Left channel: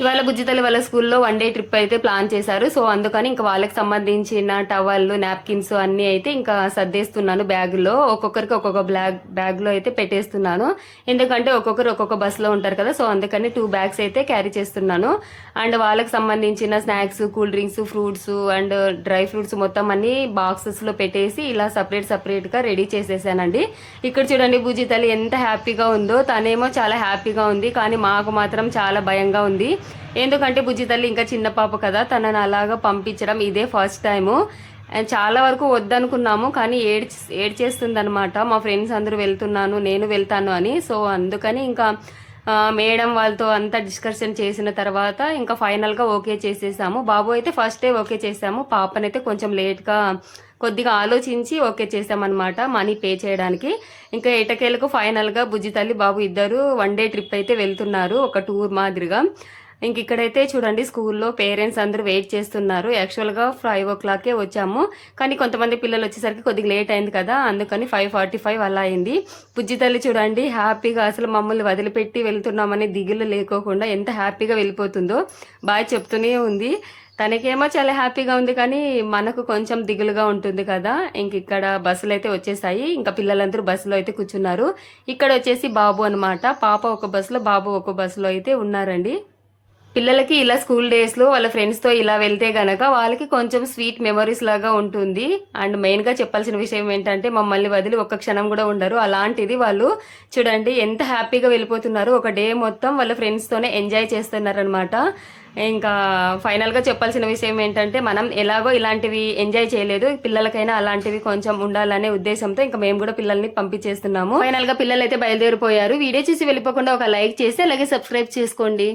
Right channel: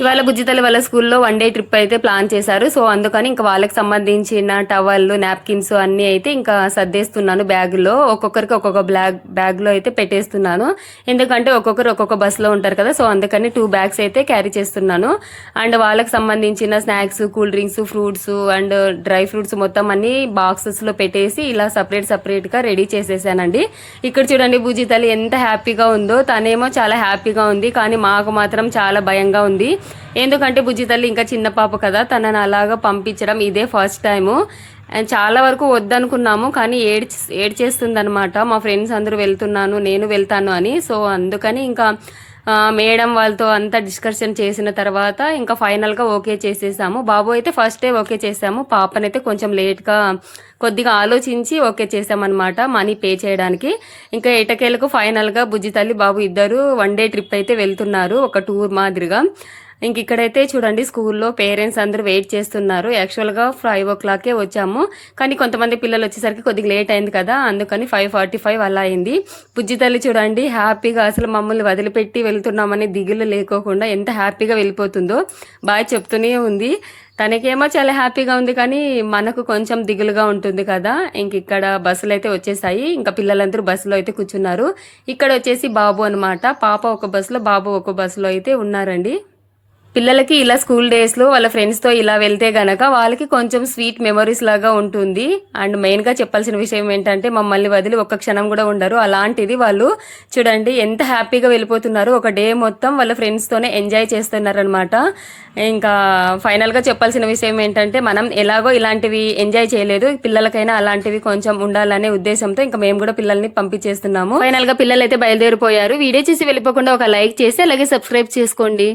ఇవాళ బుజ్జితల్లి వాళ్ళ స్కూల్లో 1 డే ట్రిప్ అయితే ప్లాన్ చేశారు. సో అందుకని ఇంకా వాళ్ళకి సంబంధించిన టవల్, నాప్కిన్స్ అన్ని అయితే ఇంకా సర్దేస్తున్నాను బ్యాగులో. ఒక్కొక్కరికి ఒక్కొక్క బ్యాగ్ లో అయితే పెట్టేస్తున్నాను. ఎందుకంటే ఒక్కొక్కరు ఒక్కొక్క బస్ లో ఉంటారు కదా, సో అందుకని 2 బ్యాగ్స్ అయితే క్యారీ చేస్తున్నాను. అండ్ వాళ్ళకి సంబంధించిన snacks, cool drinks, fruits and dry fruits మొత్తం అన్ని బాక్సెస్ లో పెట్టేసి ఇలా సపరేట్ గా రెడీ చేసేసానండి. ఇక్కడ చూడండి బుజ్జితల్లి ఎంత హ్యాపీగా ఉందో. తనేమో చాలా హ్యాపీగా ఉంది, కానీ మాకు మాత్రం చాలా భయంగా ఉంది. ఎందుకంటే బుజ్జి తల్లి ఇంకా చిన్న పాప కదా, తనని అలాగా పంపించడం ఇదే ఫస్ట్ టైము. చాలా వరకు వద్దనుకున్నాము, కానీ ఏడ్చేస్తుంది అనమాట. మా ఫ్రెండ్స్ అందరూ వెళ్తున్నాను, నేను వెళ్తాను అని. సో అందుకని ఇంకా మేడం వాళ్ళతో అంతా డిస్కషన్ చేసిన తర్వాత ఇంకా ఫైనల్గా ఓకే చేసేసాము. బాబు అయితే ఫస్ట్ డే ఓకే చేసాము, పాపనైతే కొంచెం లేట్గా కొద్దిగా ఆలోచించి ఓకే చేసామన్నమాట మనీ పే చేయడానికి. ఇంకా ఎటకేలకు ఫైనల్గా బుజ్జి తల్లి బాబు ఇద్దరు 1 డే ట్రిప్ అయితే వెళ్తున్నారు, ఒక టూర్ మాదిరిగా. ఇంక ఇక్కడైతే చూడండి స్కూల్లో పేరెంట్స్ అందరూ వెయిట్ చేస్తున్నారు. యాక్చువల్గా 5 o'clockకే వచ్చాము, కానీ కొంతమంది పిల్లలు వచ్చేసరికి కొద్దిగా లేట్ అయింది కదా, అందుకని 5:45 అలా అయింది. బుజ్జి తల్లి చూడండి హ్యాపీగా అసలు మమ్మల్ని వదిలిపెట్టి వెళ్తున్నామని దిగులు లేకోకుండా ఎంత హ్యాపీగా వెళ్ళిపోతుందో. బాగా చెప్తూనే ఉంది. తనకేమో చాలా హ్యాపీగా ఉంది, కానీ మనకు కొంచెం దిగులుగా ఉంటుంది కదా. ఇంక ఇక్కడ బస్సులు అయితే వచ్చేసాయి, ఇంకా పిల్లలందరూ బస్సులో అయితే కూర్చున్నారు. ఇక్కడ వచ్చేసి బాబు అనమాట, పాప ఒక బస్సులో బాబు ఒక బస్సులో అయితే ఉన్నారండి. పిల్లలకి ఇలా స్కూల్ డేస్ లో వాళ్ళ ఫ్రెండ్స్ తో ఇలా వెళ్తే గనక వాళ్ళకి కొంచెం స్వీట్ మెమరీస్ లాగా ఉంటుంది. అండ్ మెయిన్ గా చెప్పాల్సిన విషయం ఏంటంటే మమ్మల్ని వదిలి ఒక్క క్షణం కూడా ఉండరు. అలాంటిది వాళ్ళు చూడండి ఎంత హ్యాపీగా వెళ్ళిపోతున్నారు. ఒక డే మొత్తం వాళ్ళ ఫ్రెండ్స్ తోనే ఎంజాయ్ చేస్తున్నారనమాట. ఇంకా ఫైనల్ గా చెప్పాల్సిన విషయం ఏంటంటే మనం ఎలాగో ఇలాంటివి ఎంజాయ్ చేయలేదు, పిల్లలకైనా అలాంటివి కొంచెం ఉండాలనే ఉద్దేశంతో ఇంకా మేము కూడా పిల్లల్ని పంపించేస్తున్నాము. ఫైనల్ గా పిల్లలు అయితే బయలుదేరిపోయారు. వీడియో చూసి వెళ్ళిపోకుండా ఒక లైక్ చేసి అలాగే సబ్స్క్రైబ్ చేసుకోండి.